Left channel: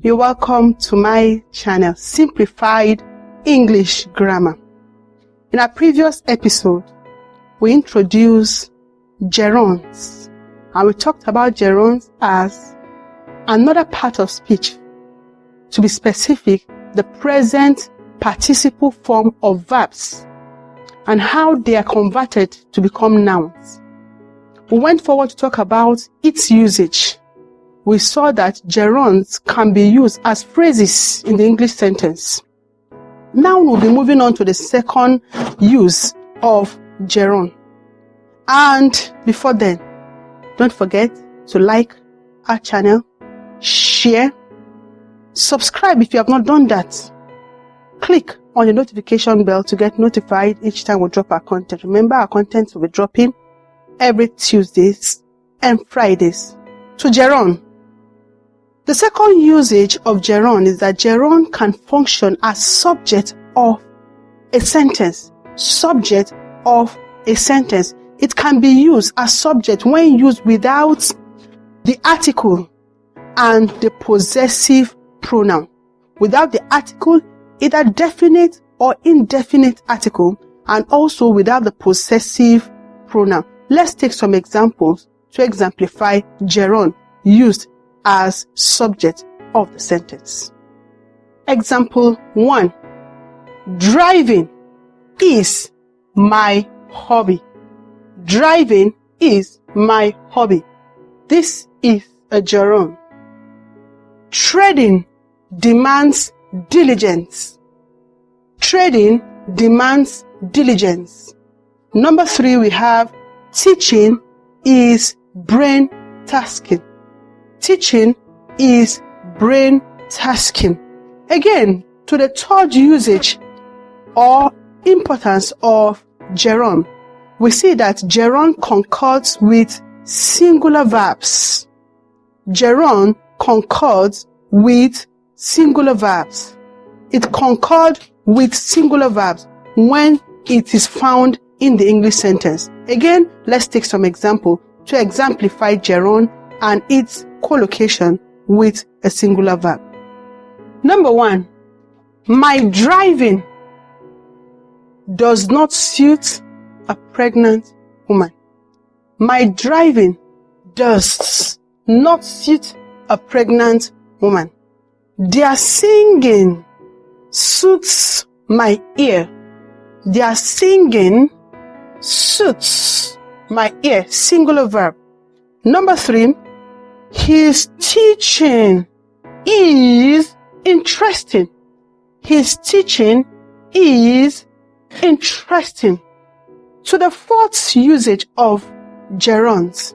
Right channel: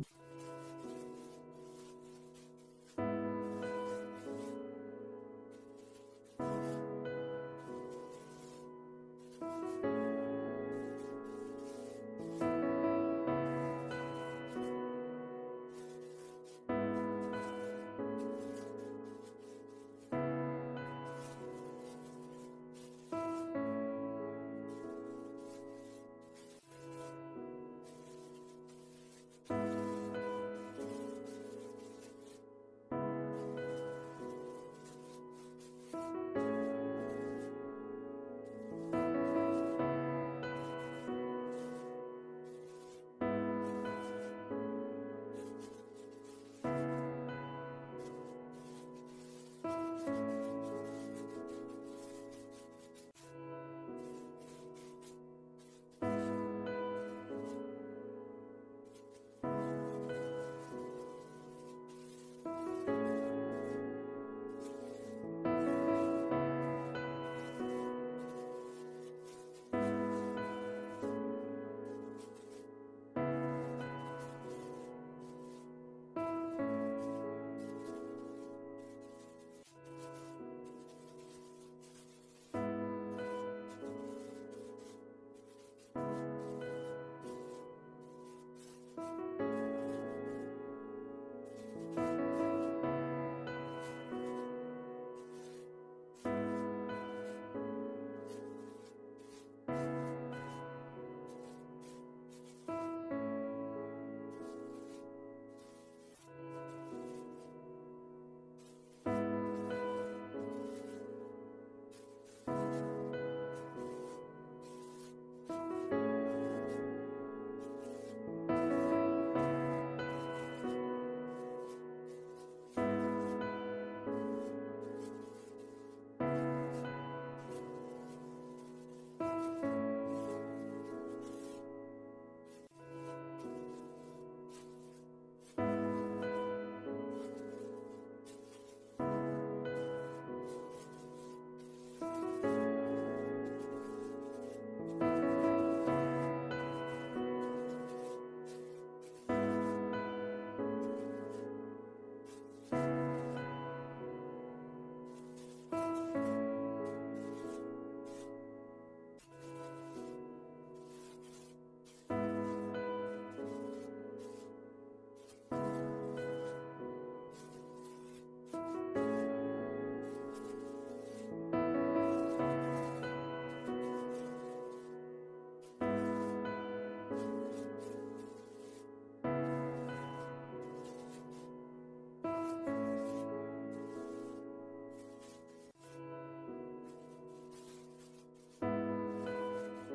You're welcome to my channel, Simplified English Grammar. In our previous episode, we introduced gerunds, and we talked about gerunds as another part of speech. To be specific, the present participle form of verbs and how they are converted to become nouns. We went forward to talk about its usage. We saw that gerunds can be used as phrases in the English sentence. Now we'll be moving on to the second use of gerund. And before then, don't forget to like our channel, share, subscribe if you have not done that. Click on the notification bell to get notified each time we drop our content. Remember, our content will be dropping every Tuesdays and Fridays. To gerund. The second usage of gerund is that gerund can function as subject of a sentence. Subject of a sentence. It can be used as subject when used without the article and the possessive pronoun. Without the article, either definite or indefinite article, and also without the possessive pronoun. Let's take some examples to exemplify gerund used as subject of the sentence. Example 1. Driving is my hobby. Driving is my hobby. This is a gerund. Trading demands diligence. Trading demands diligence. Number 3, we have teaching is brain tasking. Teaching is brain tasking. Again, to the third usage or importance of gerund, we see that gerund concords with singular verbs. Gerund concords with singular verbs. It concords with singular verbs when it is found in the English sentence. Again, let's take some example to exemplify gerund and its collocation with a singular verb. Number 1, my driving does not suit a pregnant woman. My driving does not suit a pregnant woman. Their singing suits my ear. Their singing suits my ear. Singular verb. Number 3, his teaching is interesting. His teaching is interesting. To the fourth usage of gerunds,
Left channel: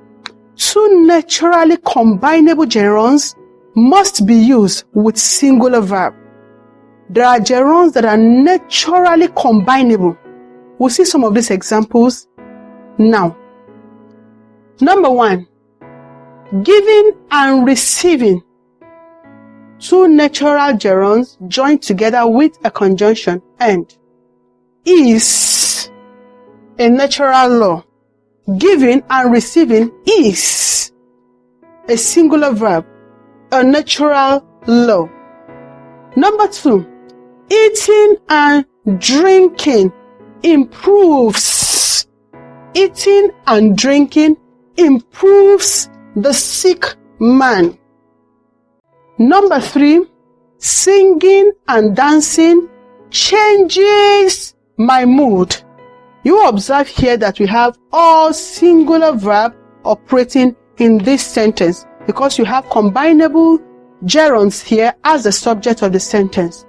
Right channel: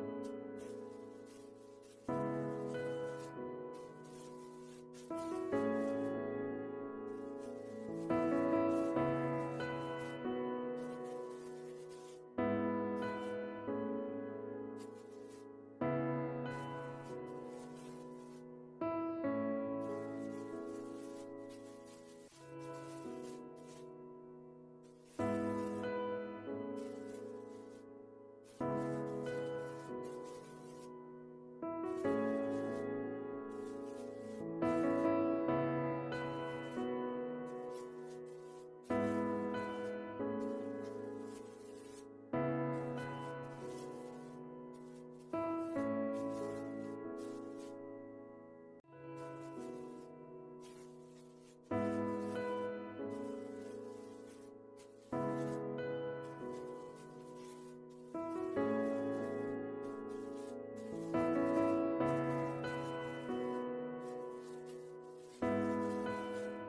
2 naturally combinable gerunds must be used with singular verb. There are gerunds that are naturally combinable. We'll see some of these examples now. Number 1, giving and receiving. 2 natural gerunds joined together with a conjunction and is a natural law. Giving and receiving is a singular verb, a natural law. Number 2, eating and drinking improves. Eating and drinking improves the sick man. Number 3, singing and dancing changes my mood. You observe here that we have all singular verb operating in this sentence because you have combinable gerunds here as the subject of the sentence.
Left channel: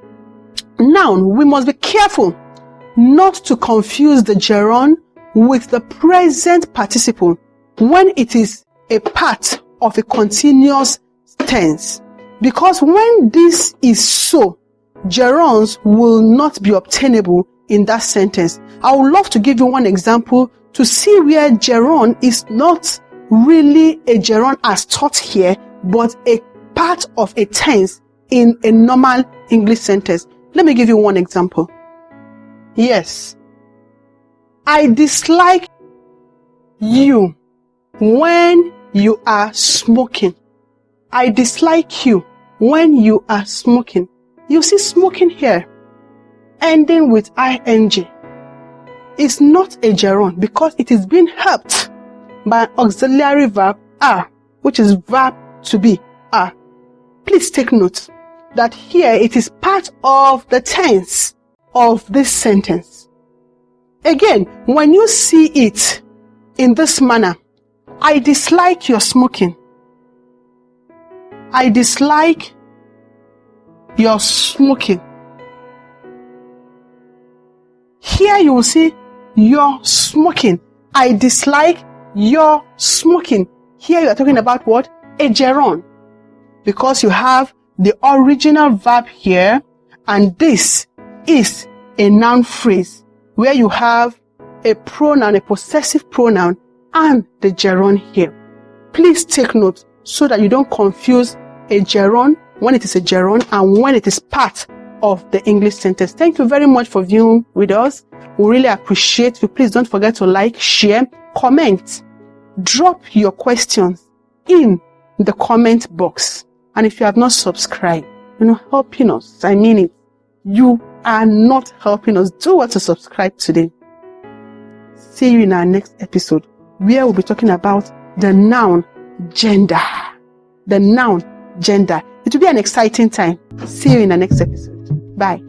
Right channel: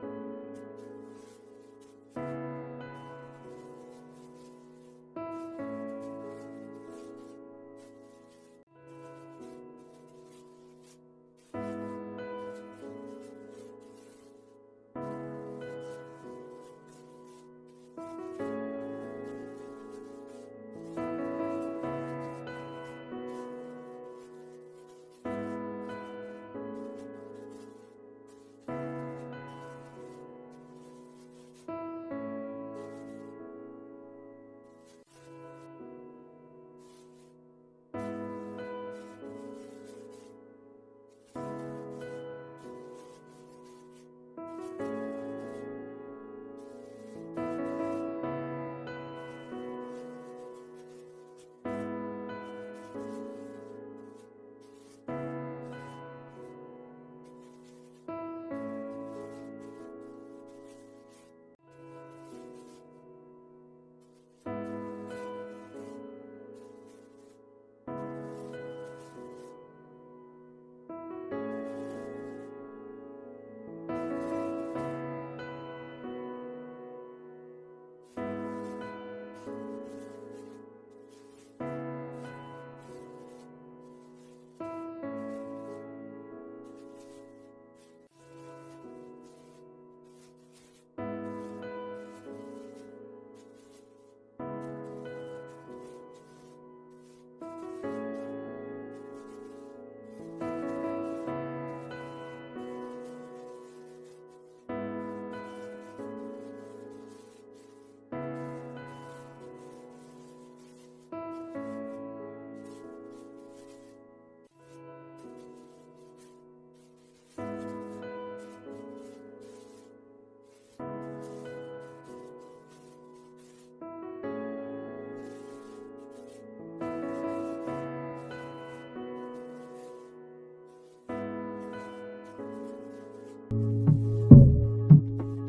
Now, we must be careful not to confuse the gerund with the present participle when it is a part of a continuous tense. Because when this is so, gerunds will not be obtainable in that sentence. I would love to give you one example to see where gerund is not really a gerund as taught here, but a part of a tense in a normal English sentence. Let me give you one example. Yes, I dislike you when you are smoking. I dislike you when you are smoking, you see smoking here, ending with ing. It's not a gerund because it is being helped by an auxiliary verb are, which is verb to be are. Please take note that here it is part of the tense of this sentence. Again, when you see it in this manner, I dislike your smoking. I dislike your smoking. Here you will see your smoking. I dislike your smoking. Here you are talking about what? A gerund. Because you have the original verb here, and this is a noun phrase where you have a pronoun, a possessive pronoun, and the gerund here. Please take note so that you don't confuse a gerund when it is a gerund and when it is part of the English sentence. Thank you very much for viewing with us. We really appreciate you. Please don't forget to like, share, comment, drop your questions in the comment box. And if you have not subscribed, you're not helping us. I mean it. You are not helping us. Do what to subscribe today. See you in our next episode, where we'll be talking about the noun gender. The noun gender. It will be an exciting time. See you in the next episode. Bye.